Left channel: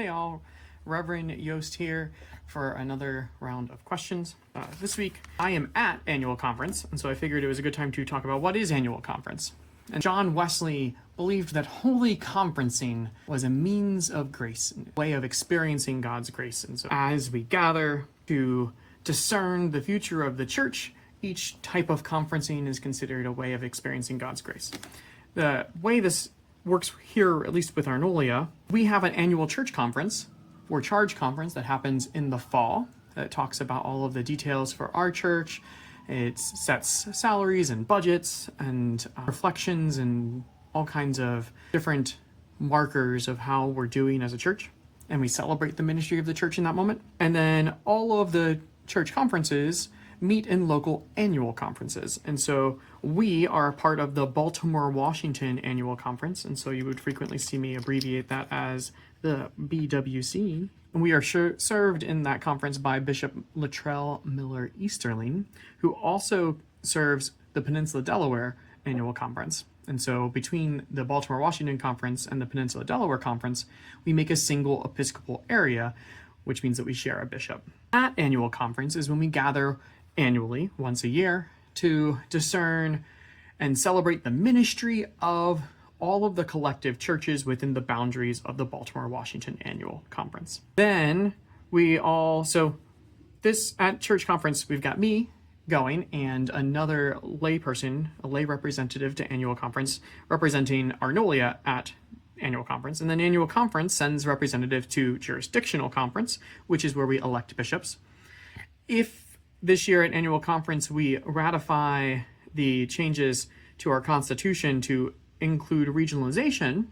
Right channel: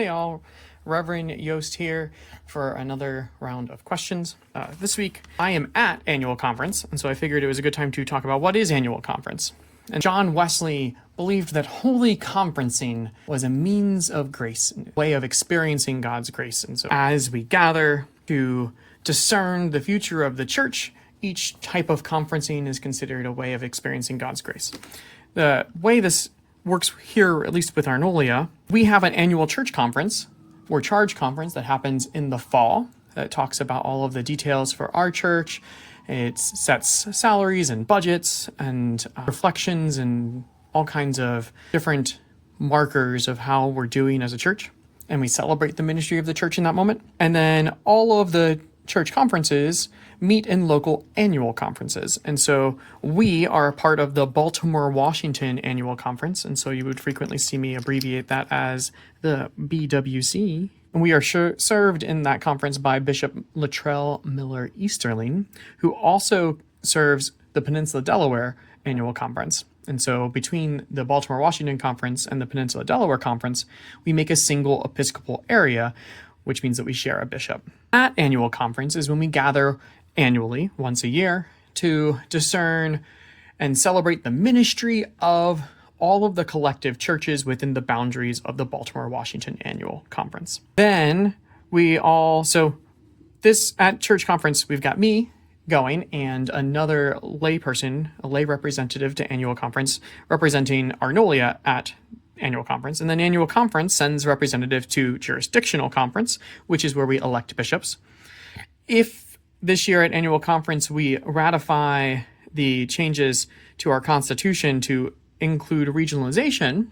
Hey all, Reverend Yost here for another round of questions. This week I am at annual conference, and so I figured it was a good time to talk about what is annual conference. And John Wesley believed that holy conferencing was a means of grace, a way of experiencing God's grace. And so as we gather to discern the future of the church, each type of conferencing is considered a way of experiencing God's grace. The way this works here, at least with Arnolia, we have an annual church conference or charge conference that happens in the fall. That talks about all of the details for our church. It sets salaries and budgets and reflections and all kinds of different markers of how we're doing as a church. And we celebrate the ministry of the church in that moment. And then all of the church conferences meet in local annual conferences. And so we are a part of the Baltimore, Washington annual conference. And so you would frequently see me abbreviate that as the BWC. And we are served in that conference by Bishop Latrell Miller Easterling, who also serves the Peninsula Delaware annual conference. And so between the Baltimore, Washington conference and the Peninsula Delaware conference, we make a single Episcopal area, which means that we share a bishop. At annual conference is when we gather annually, once a year, to discern and celebrate the ministry of all of the collective churches within the boundaries of the Baltimore, Washington annual conference. Then at church conference, we've got me going and another lay person, a lay representative to annual conference, representing Arnolia at annual conference. And then annual conference sends representative to jurisdictional conference, which is where we elect bishops. If this year at annual conference, we ratify the changes to our constitution to include regionalization,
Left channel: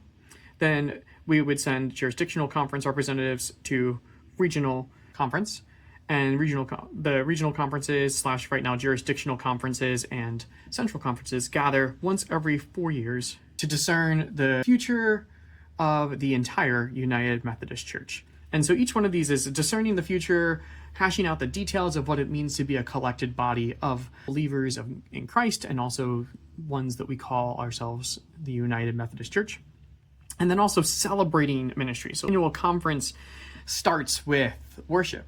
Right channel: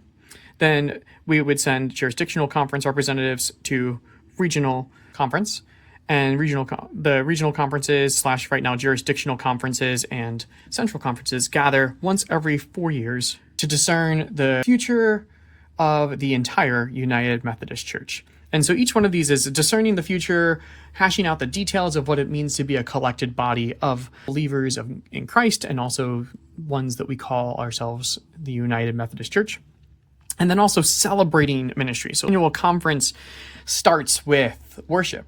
then we would send jurisdictional conference representatives to regional conference, and the regional conferences / right now jurisdictional conferences and central conferences gather once every 4 years to discern the future of the entire United Methodist Church. And so each one of these is discerning the future, hashing out the details of what it means to be a collected body of believers in Christ, and also ones that we call ourselves the United Methodist Church. And then also celebrating ministry. So annual conference starts with worship,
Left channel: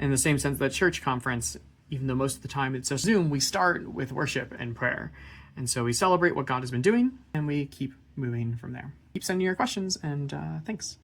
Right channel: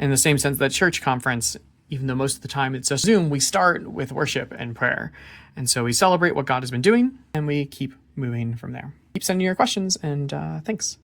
in the same sense that church conference, even though most of the time it's just Zoom, we start with worship and prayer. And so we celebrate what God has been doing, and we keep moving from there. Keep sending your questions, and thanks.